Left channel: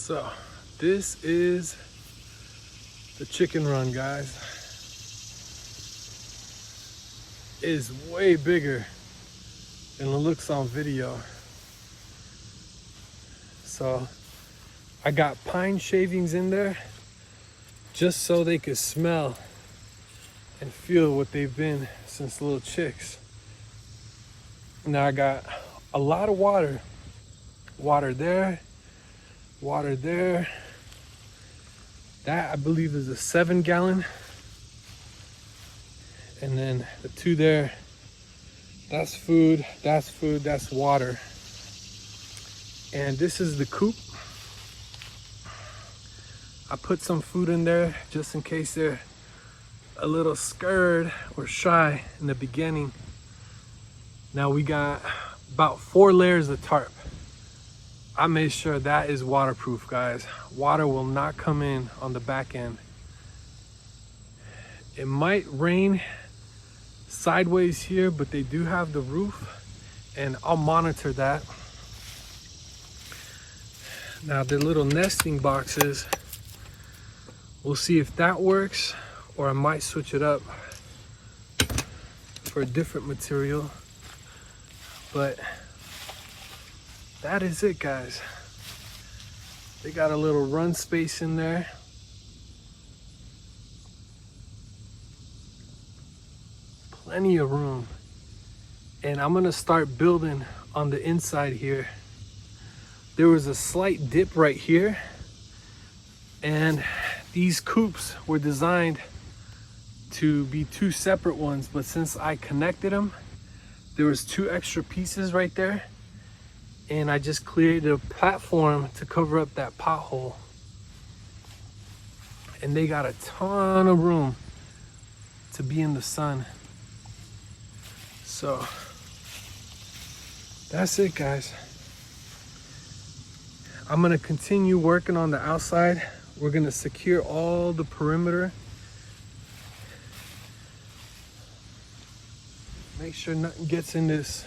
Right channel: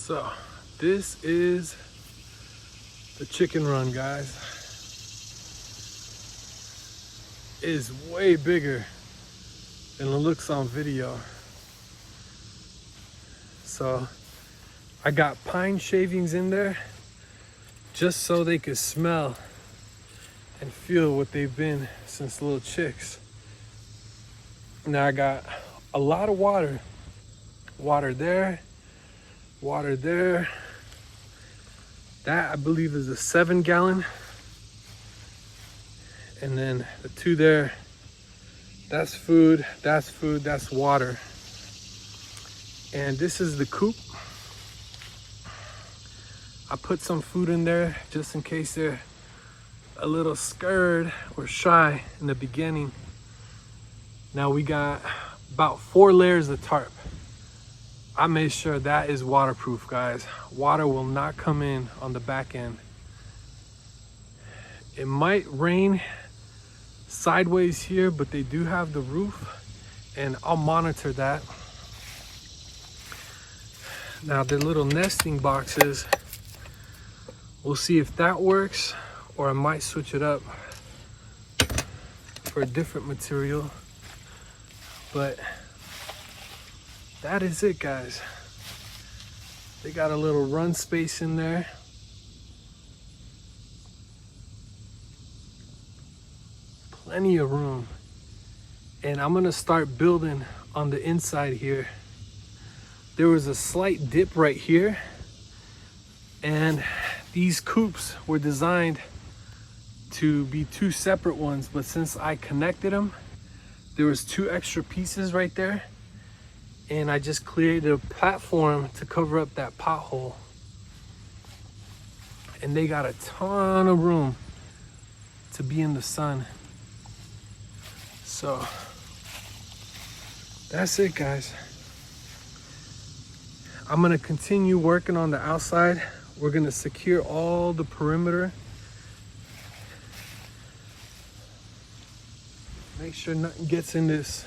So this is the chicken run, guys. It is way bigger than it looks on video. So I got pine shavings in there just so they could smell and feel what they've been since little chicks. Now I got a lot of water. Water there, water there. That I believe is a 7-gallon. And then the 2 there, that's food, that's water. And this is the coop. I put some food in there just in case they're a little scared or shy in the beginning. Now we got about 4 layers of tarp. I made sure that is waterproof, guys. Water will not come in on the back end. It might rain sideways here, but they do have the roof, and I'll monitor that. Now the little nesting boxes, we'll see if that works, or I might switch it up for a different material. But that is it, guys. They got a little run space in there. Plenty of room. And I'm gonna start building on the inside here. There was a slight dip right here, and these coops were designed to be 2 separate ones, but since I connected them, there was 2 extra pieces right there, and I just cleared the platform to cover up that pothole. And they got a ton of room to be in the sun. So that's it, guys. I'm gonna continue working on the outside. We're gonna secure all the perimeter. Make sure nothing gets in this